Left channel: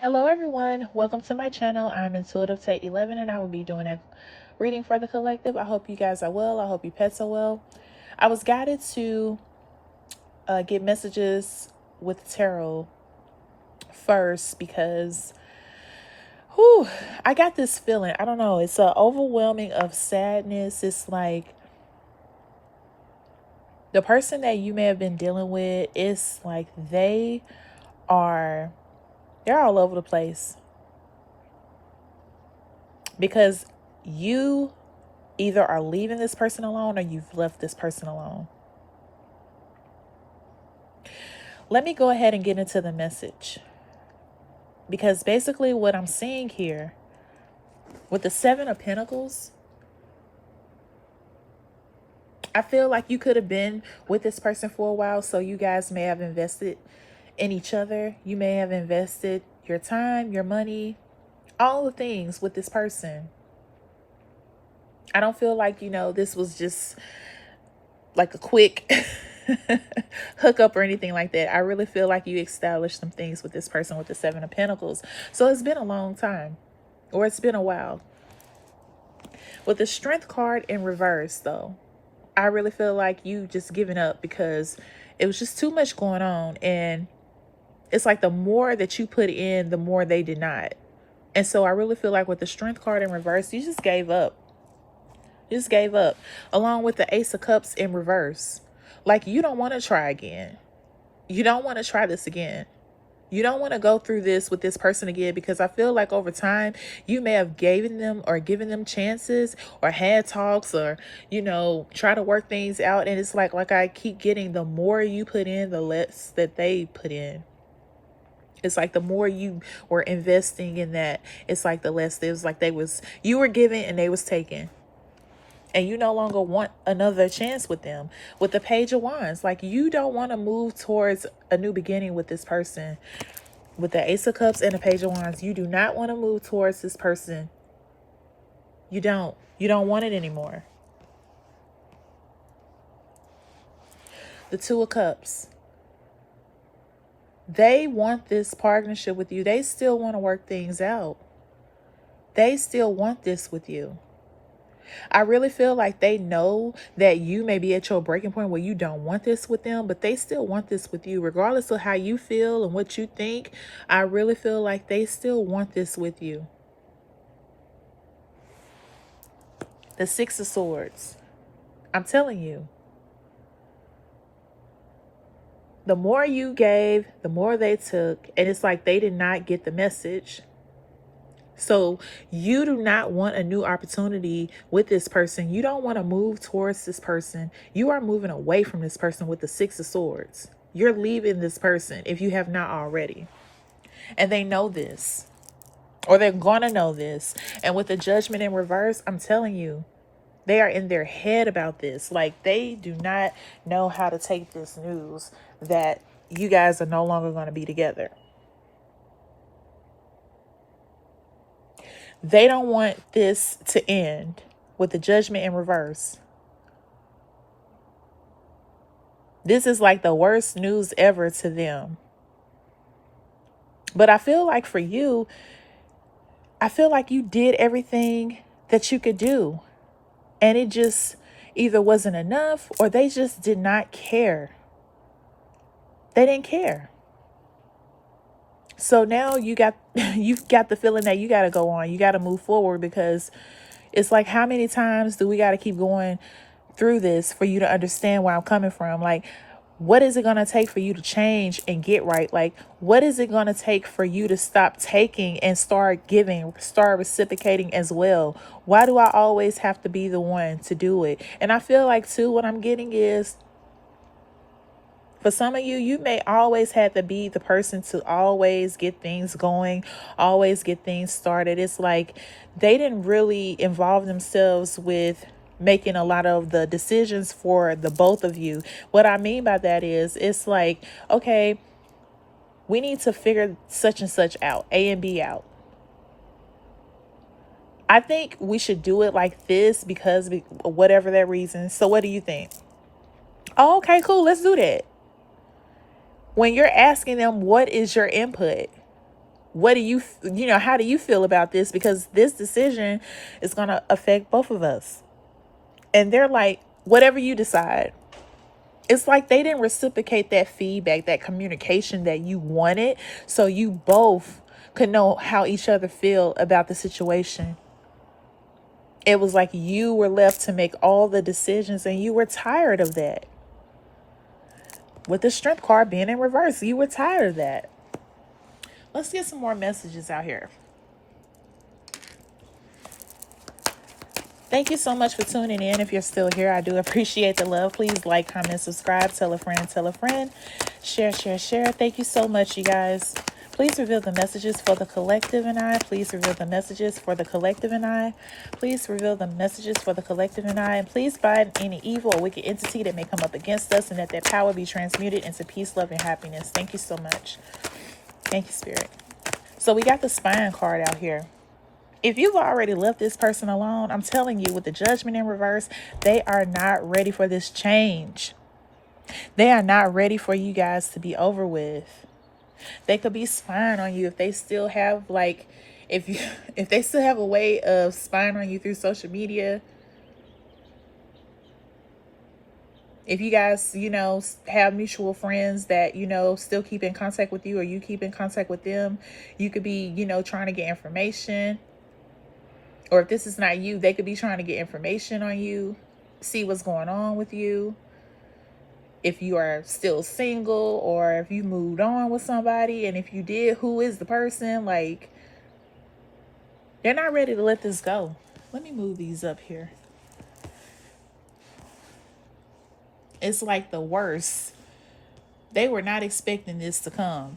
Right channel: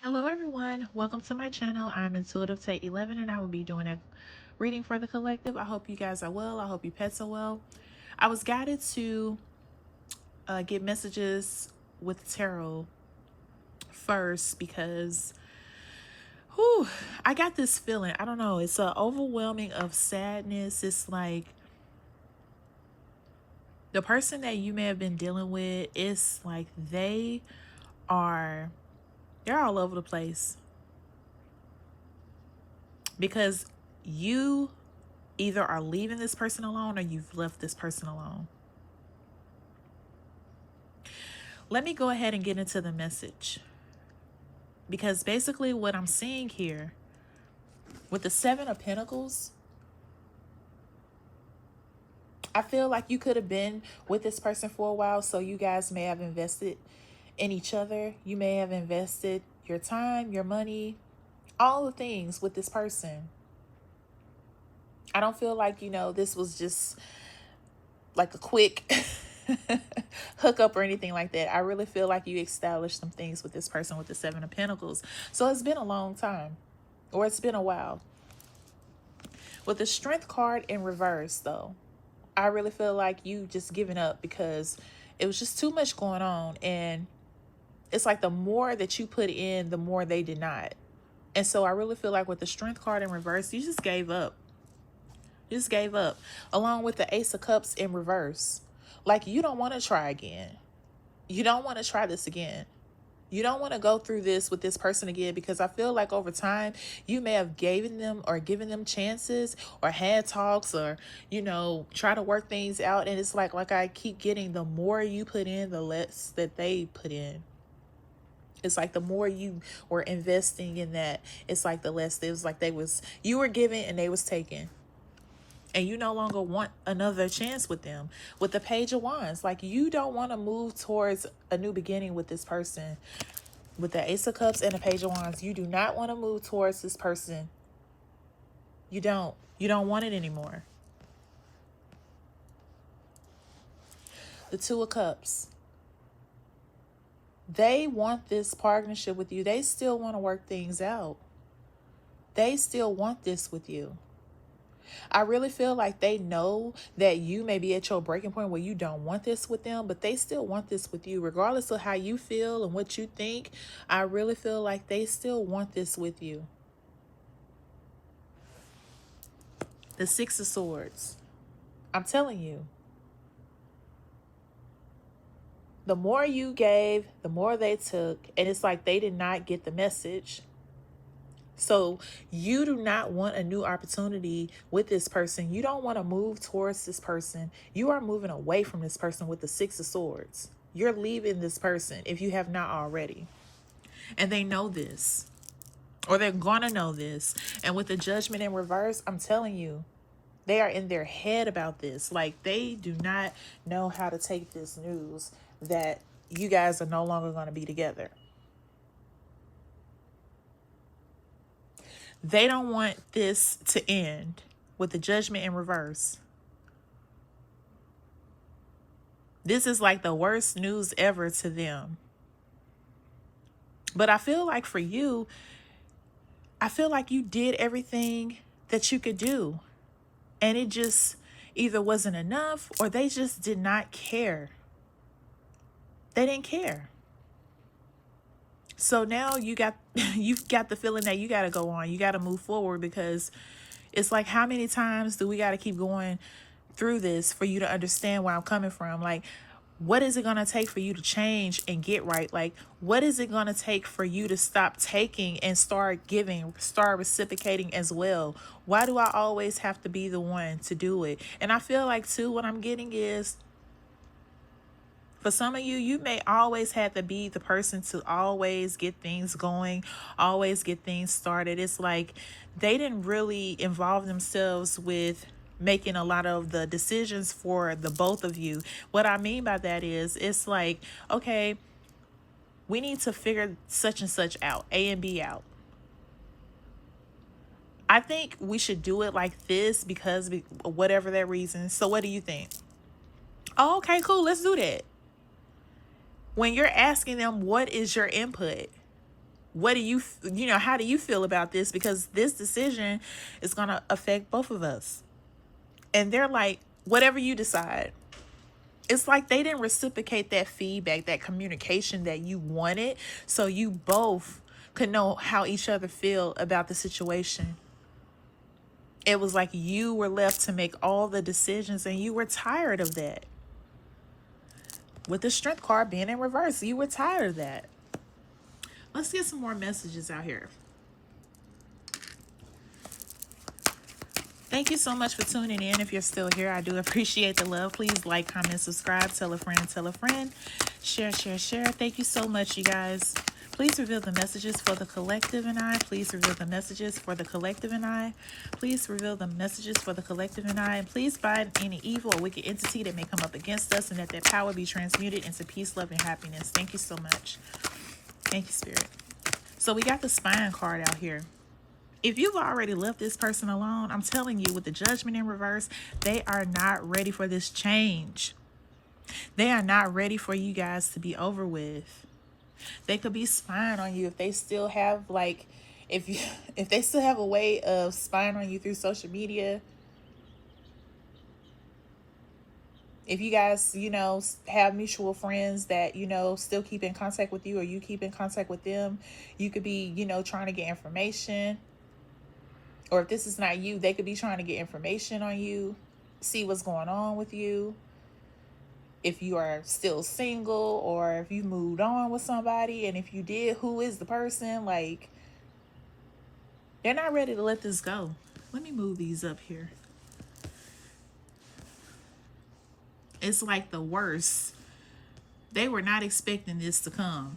Hello everyone, welcome to my channel. I'm Intuitive Tate 11 and I will be doing a reading for the collective. I hope you guys are well. I hope your pets are well. I was guided to get messages with tarot first because I got this feeling. I don't know. It's a overwhelming of sadness. It's like the person that you may have been dealing with, it's like they're all over the place because you either are leaving this person alone or you've left this person alone. Let me go ahead and get into the message, because basically what I'm seeing here with the Seven of Pentacles, I feel like you could have been with this person for a while, so you guys may have invested in each other. You may have invested your time, your money, all the things with this person. I don't feel like, this was just like a quick hookup or anything like that. I really feel like you established some things with this person with the Seven of Pentacles. So it's been a long time, or it's been a while. With the Strength card in reverse, though, I really feel like you just giving up because it was just too much going on. And it's like the more that you put in, the more they did not. And so I really feel like with the Strength card in reverse, you just gave up. You just gave up. Along with the Ace of Cups in reverse. Like, you don't want to try again. You don't want to try this again. You don't want to go through this with this person again, because I feel like over time you may have given them chances or had talks or, try to work things out. And it's like I keep getting, the more you put in, the less that they put in. It's like the more you were investing in that, it's like the less. It was like you were giving and they was taking. And you no longer want another chance with them. With the Page of Wands, like, you don't want to move towards a new beginning with this person. With the Ace of Cups and the Page of Wands, you do not want to move towards this person. You don't. You don't want it anymore. The Two of Cups. They want this partnership with you. They still want to work things out. They still want this with you. I really feel like they know that you may be at your breaking point where you don't want this with them, but they still want this with you. Regardless of how you feel and what you think, I really feel like they still want this with you. The Six of Swords. I'm telling you. The more you gave, the more they took. And it's like they did not get the message. So you do not want a new opportunity with this person. You don't want to move towards this person. You are moving away from this person with the Six of Swords. You're leaving this person if you have not already. And they know this, or they're going to know this. And with the Judgment in reverse, I'm telling you, they are in their head about this. Like, they do not know how to take this news that you guys are no longer going to be together. They don't want this to end with the Judgment in reverse. This is like the worst news ever to them. But I feel like for you, I feel like you did everything that you could do. And it just either wasn't enough, or they just did not care. They didn't care. So now you've got the feeling that you got to go on. You got to move forward, because it's like, how many times do we got to keep going through this for you to understand where I'm coming from? Like, what is it going to take for you to change and get right? Like, what is it going to take for you to stop taking and start giving, start reciprocating as well? Why do I always have to be the one to do it? And I feel like, too, what I'm getting is, for some of you, you may always have to be the person to always get things going, always get things started. It's like they didn't really involve themselves with making a lot of the decisions for the both of you. What I mean by that is, it's like, okay, we need to figure such and such out, A and B out. I think we should do it like this because whatever that reason. So what do you think? Oh, okay, cool. Let's do that. When you're asking them, what is your input? what do you, how do you feel about this? Because this decision is going to affect both of us. And they're like, whatever you decide. It's like they didn't reciprocate that feedback, that communication that you wanted, so you both could know how each other feel about the situation. It was like you were left to make all the decisions, and you were tired of that. With the Strength card being in reverse, you were tired of that. Let's get some more messages out here. Thank you so much for tuning in. If you're still here, I do appreciate the love. Please like, comment, subscribe, tell a friend, share. Thank you so much, you guys. Please reveal the messages for the collective and I. Please reveal the messages for the collective and I. Please reveal the messages for the collective and I. And please bind any evil or wicked entity that may come up against us, and that their power be transmuted into peace, love, and happiness. Thank you so much. Thank you, Spirit. So we got the Spine card out here. If you've already left this person alone, I'm telling you, with the Judgment in reverse, they are not ready for this change. They are not ready for you guys to be over with. They could be spying on you if they still have, like, if they still have a way of spying on you through social media. If you guys, have mutual friends that, still keep in contact with you, or you keep in contact with them, you could be, trying to get information. Or if this is not you, they could be trying to get information on you, see what's going on with you. If you are still single, or if you moved on with somebody, and if you did, who is the person? Like, they're not ready to let this go. Let me move these up here. It's like the worst. They were not expecting this to come.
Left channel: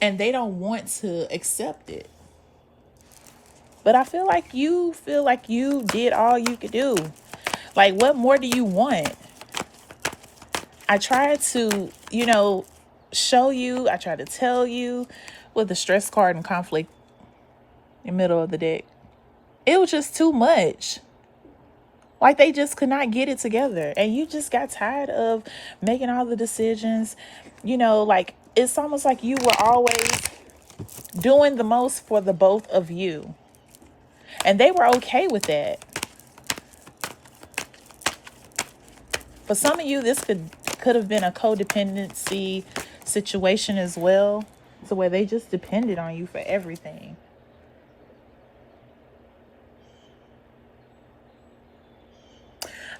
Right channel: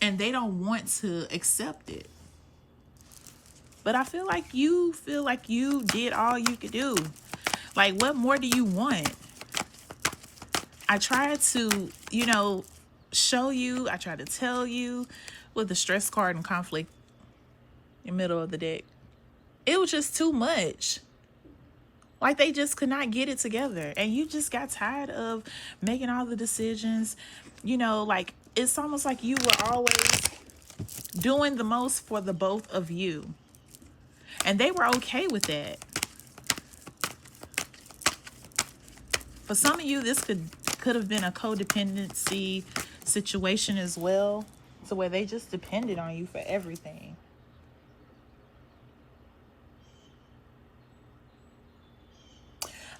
And they don't want to accept it. But I feel like you did all you could do. Like, what more do you want? I tried to, show you. I tried to tell you with the Stress card and conflict in the middle of the deck. It was just too much. Like, they just could not get it together. And you just got tired of making all the decisions. Like, it's almost like you were always doing the most for the both of you. And they were okay with that. For some of you, this could have been a codependency situation as well, to where they just depended on you for everything.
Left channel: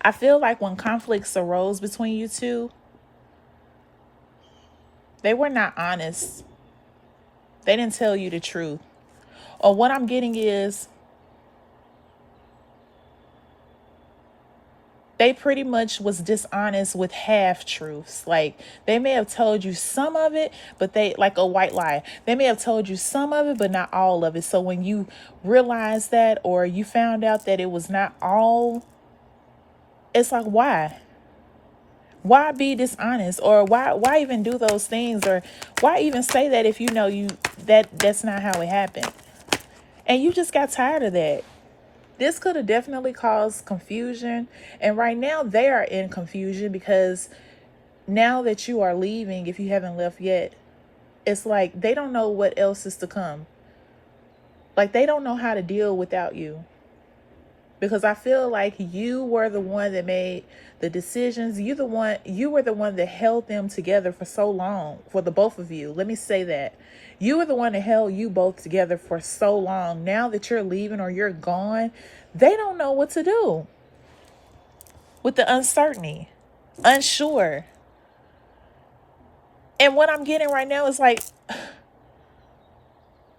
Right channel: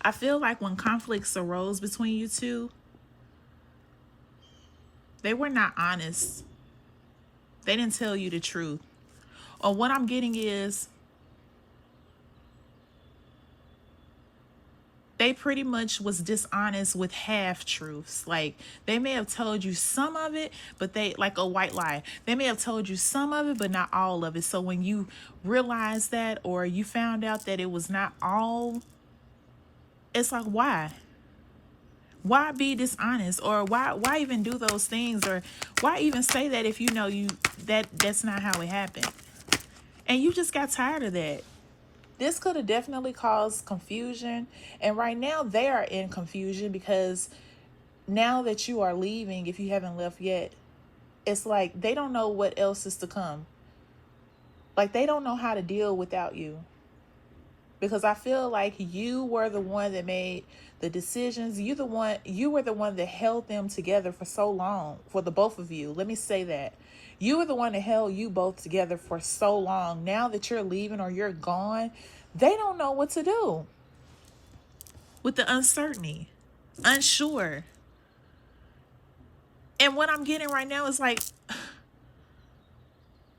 I feel like when conflicts arose between you two, they were not honest. They didn't tell you the truth. Or what I'm getting is, they pretty much was dishonest with half truths. Like, they may have told you some of it, but like a white lie. They may have told you some of it, but not all of it. So when you realized that, or you found out that it was not all, it's like, why? Why be dishonest? Or why even do those things? Or why even say that if you know that's not how it happened? And you just got tired of that. This could have definitely caused confusion. And right now they are in confusion, because now that you are leaving, if you haven't left yet, it's like they don't know what else is to come. Like, they don't know how to deal without you. Because I feel like you were the one that made the decisions. You were the one that held them together for so long, for the both of you. Let me say that. You were the one that held you both together for so long. Now that you're leaving or you're gone, they don't know what to do with the uncertainty, unsure. And what I'm getting right now is like,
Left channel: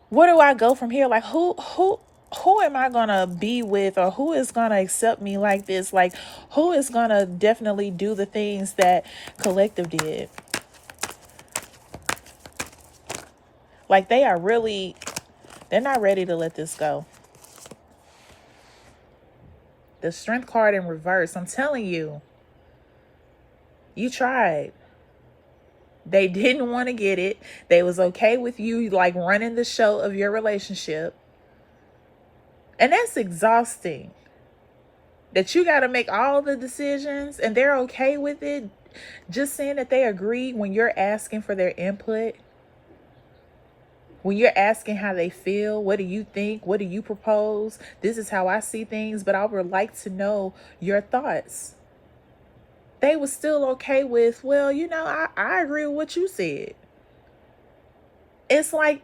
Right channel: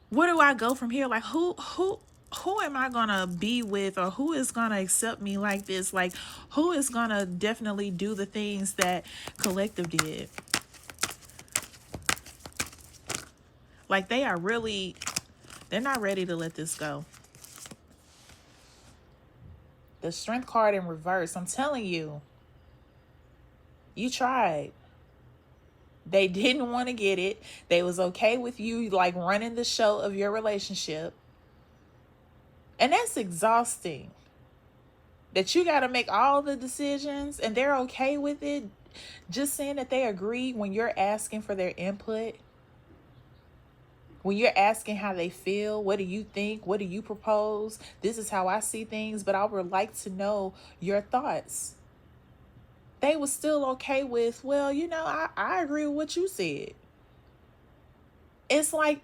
where do I go from here? Like, who am I gonna be with, or who is gonna accept me like this? Like, who is gonna definitely do the things that collective did? Like, they're not ready to let this go. The Strength card in reverse. I'm telling you, you tried. They didn't want to get it. They was okay with you, like, running the show of your relationship. And that's exhausting. That you got to make all the decisions and they're okay with it. Just saying that they agree when you're asking for their input. When you're asking how they feel, what do you think? What do you propose? This is how I see things, but I would like to know your thoughts. They were still okay with, well, I agree with what you said. It's like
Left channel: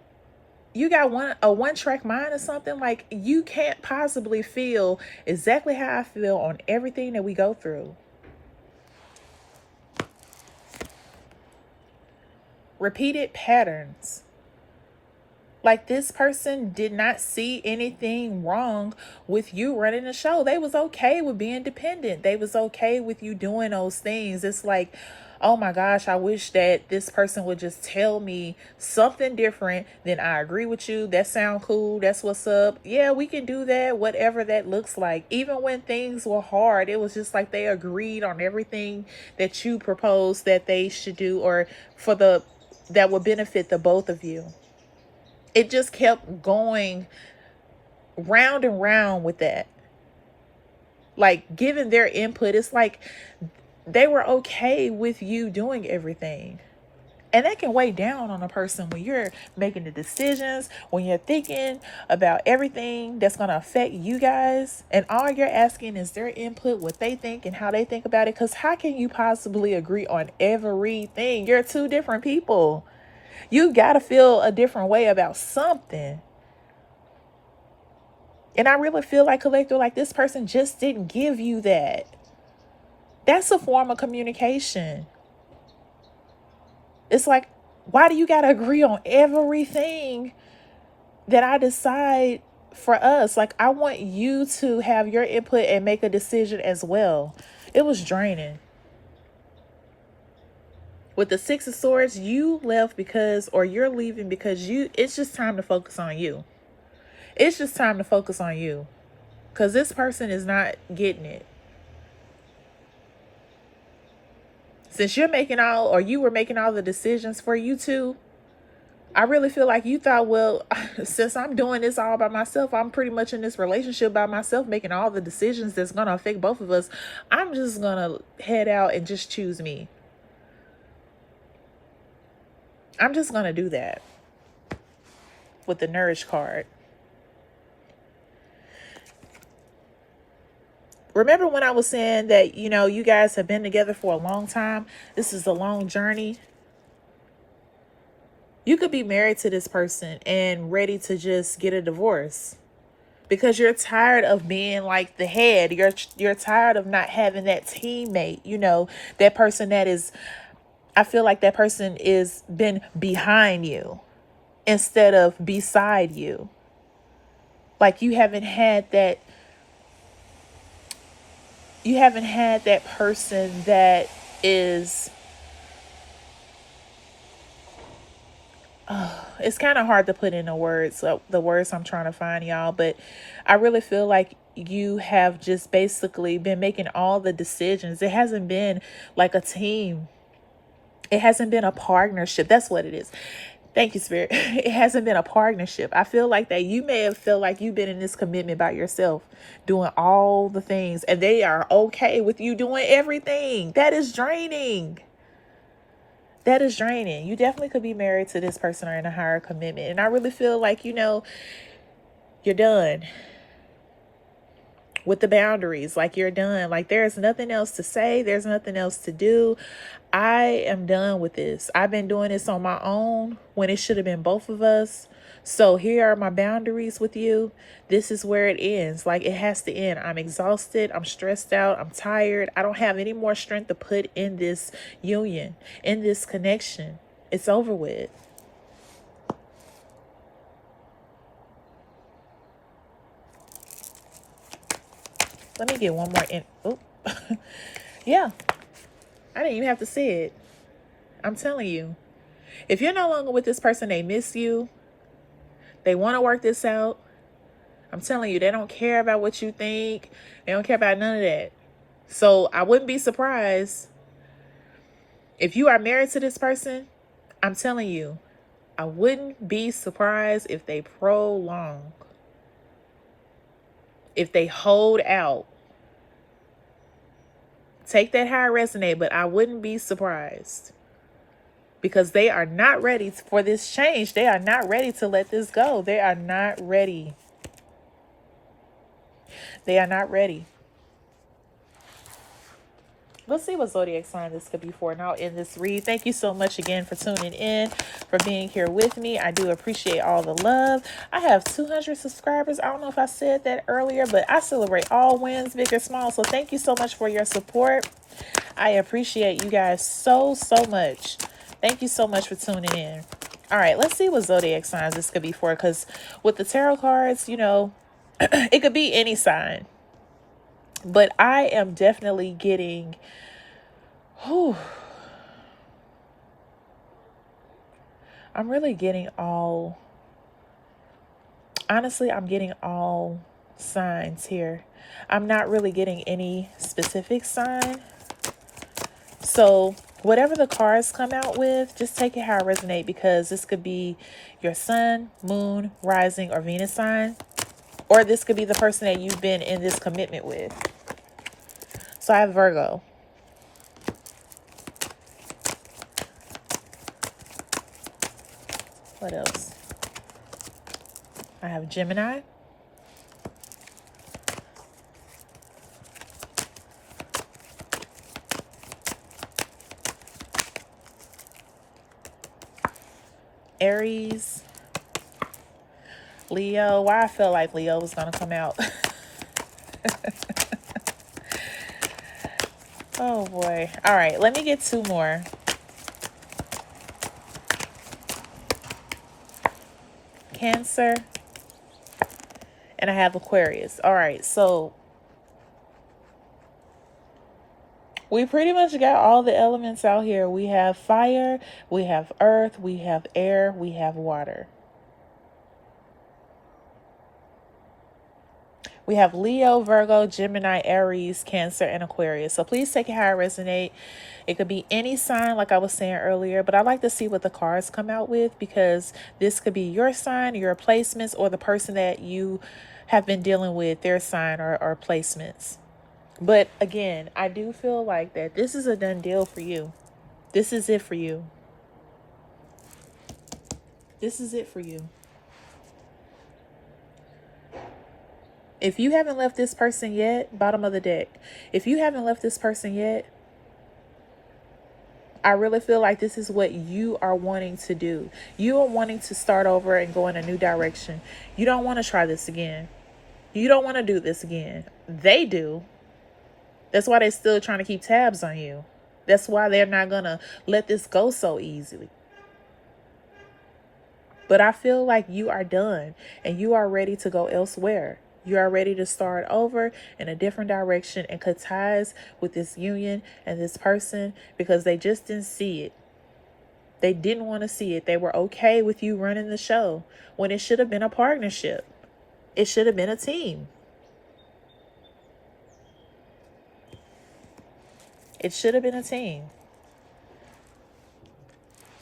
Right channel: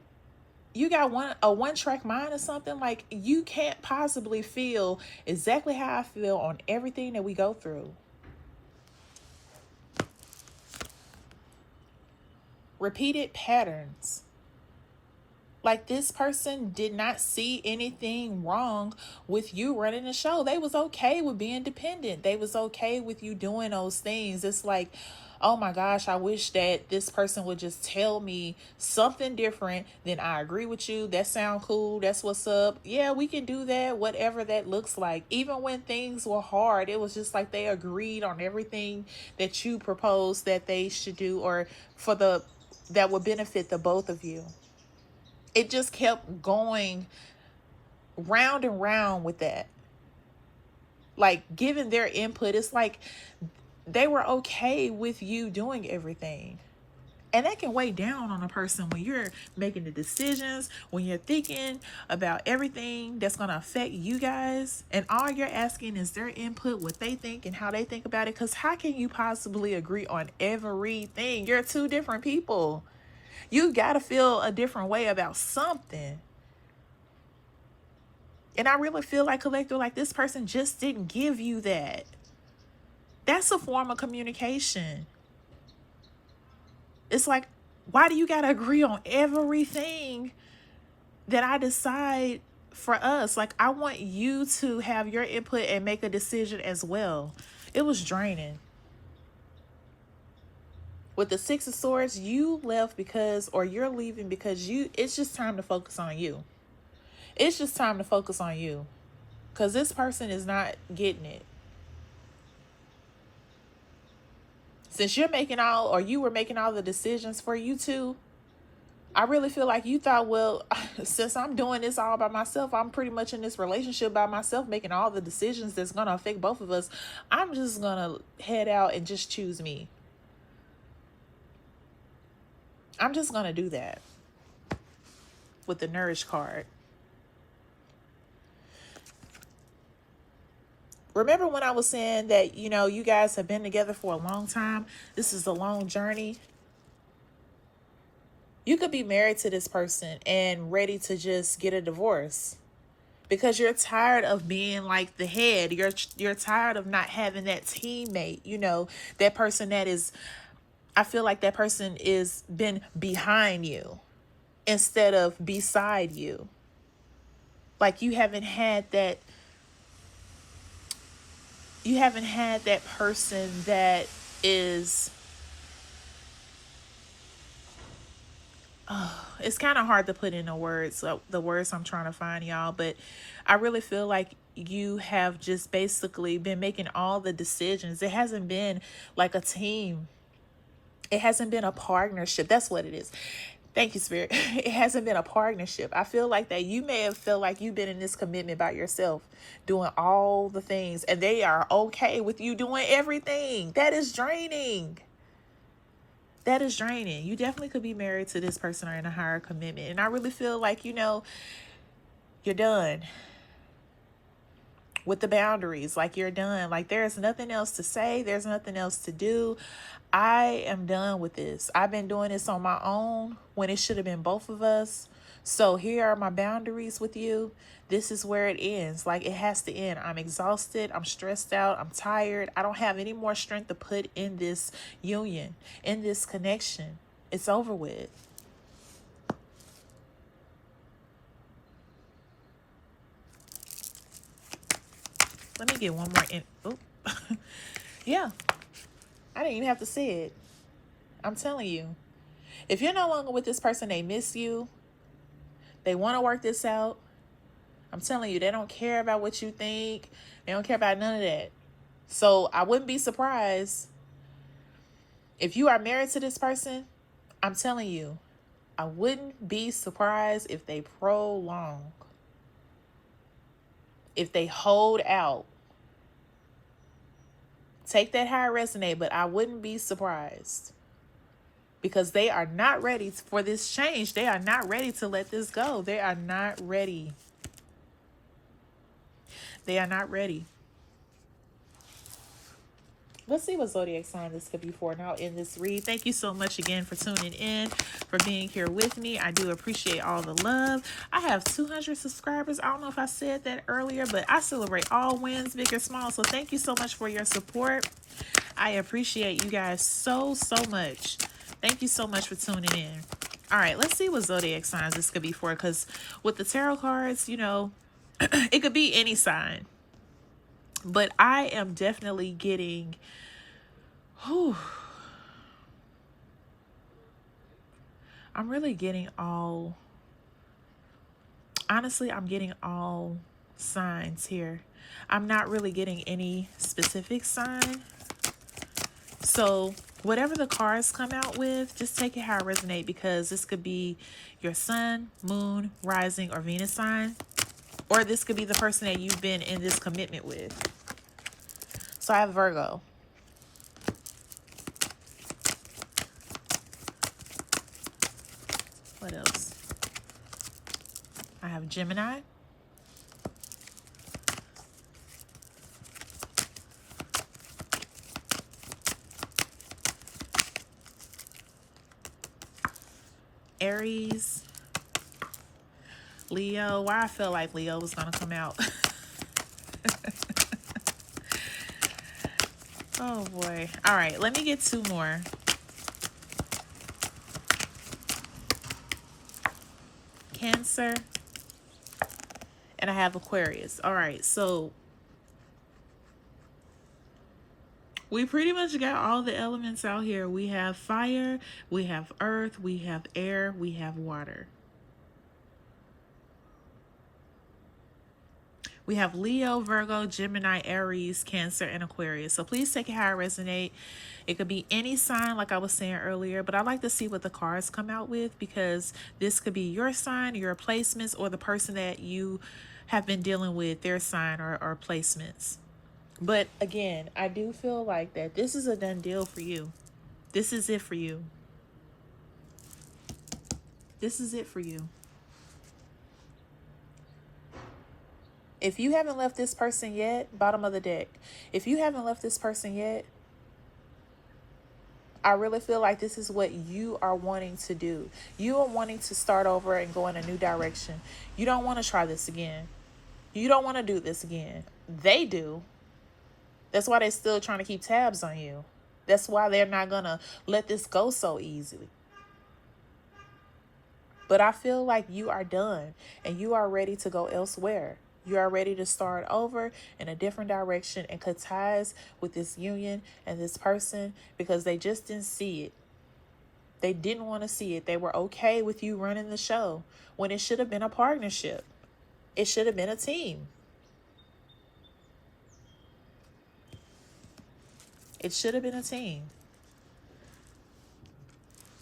you got a one-track mind or something. Like, you can't possibly feel exactly how I feel on everything that we go through. Repeated patterns. Like, this person did not see anything wrong with you running the show. They was okay with being dependent. They was okay with you doing those things. It's like, oh my gosh, I wish that this person would just tell me something different than I agree with you. That sound cool. That's what's up. Yeah, we can do that, whatever that looks like. Even when things were hard, it was just like they agreed on everything that you proposed that they should do, or that would benefit the both of you. It just kept going round and round with that. Like, giving their input. It's like they were okay with you doing everything. And that can weigh down on a person when you're making the decisions, when you're thinking about everything that's going to affect you guys. And all you're asking is their input, what they think and how they think about it. Because how can you possibly agree on everything? You're two different people. You got to feel a different way about something. And I really feel like, collector, like this person just didn't give you that. That's a form of communication. It's like, why do you got to agree on everything that I decide for us? Like, I want you to have your input and make a decision as well. It was draining. With the Six of Swords, you left or you're leaving because it's just time to focus on you. It's just time to focus on you. Because this person is not getting it. Since you were making all the decisions for you two, I really feel like you thought, well, since I'm doing this all by myself, I'm pretty much in this relationship by myself, making all the decisions that's going to affect both of us. I'm just going to head out and just choose me. I'm just going to do that with the Nourish card. Remember when I was saying that, you guys have been together for a long time? This is a long journey. You could be married to this person and ready to just get a divorce because you're tired of being like the head. You're tired of not having that teammate, that person I feel like that person is been behind you instead of beside you. Like, you haven't had that person that is, it's kind of hard to put into words, the words I'm trying to find, y'all, but I really feel like you have just basically been making all the decisions. It hasn't been like a team. It hasn't been a partnership. That's what it is. Thank you, Spirit. It hasn't been a partnership. I feel like that you may have felt like you've been in this commitment by yourself, doing all the things, and they are okay with you doing everything. That is draining. That is draining. You definitely could be married to this person or in a higher commitment. And I really feel like, you're done with the boundaries. Like, you're done. Like, there's nothing else to say. There's nothing else to do. I am done with this. I've been doing this on my own when it should have been both of us. So here are my boundaries with you. This is where it ends. Like, it has to end. I'm exhausted. I'm stressed out. I'm tired. I don't have any more strength to put in this union, in this connection. It's over with. Let me get one more in. Oh, yeah. I didn't even have to say it. I'm telling you. If you're no longer with this person, they miss you. They want to work this out. I'm telling you, they don't care about what you think. They don't care about none of that. So I wouldn't be surprised if you are married to this person. I'm telling you, I wouldn't be surprised if they prolong, if they hold out. Take that how it resonates, but I wouldn't be surprised. because they are not ready for this change. They are not ready to let this go. They are not ready. They are not ready. Let's see what zodiac sign this could be for. Now in this read, thank you so much again for tuning in, for being here with me. I do appreciate all the love. I have 200 subscribers. I don't know if I said that earlier, but I celebrate all wins, big or small. So thank you so much for your support. I appreciate you guys so much. Thank you so much for tuning in. All right, let's see what zodiac signs this could be for, because with the tarot cards, you know, it could be any sign. But I am definitely getting, I'm really getting all, honestly, I'm getting all signs here. I'm not really getting any specific sign. So whatever the cards come out with, just take it how it resonates, because this could be your sun, moon, rising, or Venus sign. Or this could be the person that you've been in this commitment with. So I have Virgo. What else? I have Gemini. Aries. Leo. Why I felt like Leo was going to come out. Oh boy. All right, let me get two more. Cancer. And I have Aquarius. All right, so we pretty much got all the elements out here. We have fire, we have earth, we have air, we have water. We have Leo, Virgo, Gemini, Aries, Cancer, and Aquarius. So please take it how it resonates. It could be any sign, like I was saying earlier, but I like to see what the cards come out with, because this could be your sign, your placements, or the person that you have been dealing with, their sign or placements. But again, I do feel like that this is a done deal for you. This is it for you. This is it for you. If you haven't left this person yet, bottom of the deck, if you haven't left this person yet, I really feel like this is what you are wanting to do. You are wanting to start over and go in a new direction. You don't want to try this again. You don't want to do this again. They do. That's why they're still trying to keep tabs on you. That's why they're not going to let this go so easily. But I feel like you are done and you are ready to go elsewhere. You are ready to start over in a different direction and cut ties with this union and this person, because they just didn't see it. They didn't want to see it. They were okay with you running the show when it should have been a partnership. It should have been a team. It should have been a team.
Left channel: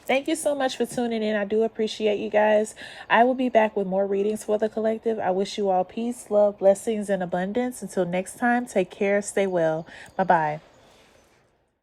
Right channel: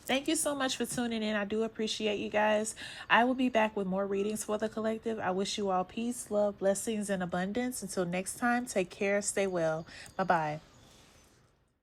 Thank you so much for tuning in. I do appreciate you guys. I will be back with more readings for the collective. I wish you all peace, love, blessings, and abundance. Until next time, take care. Stay well. Bye-bye.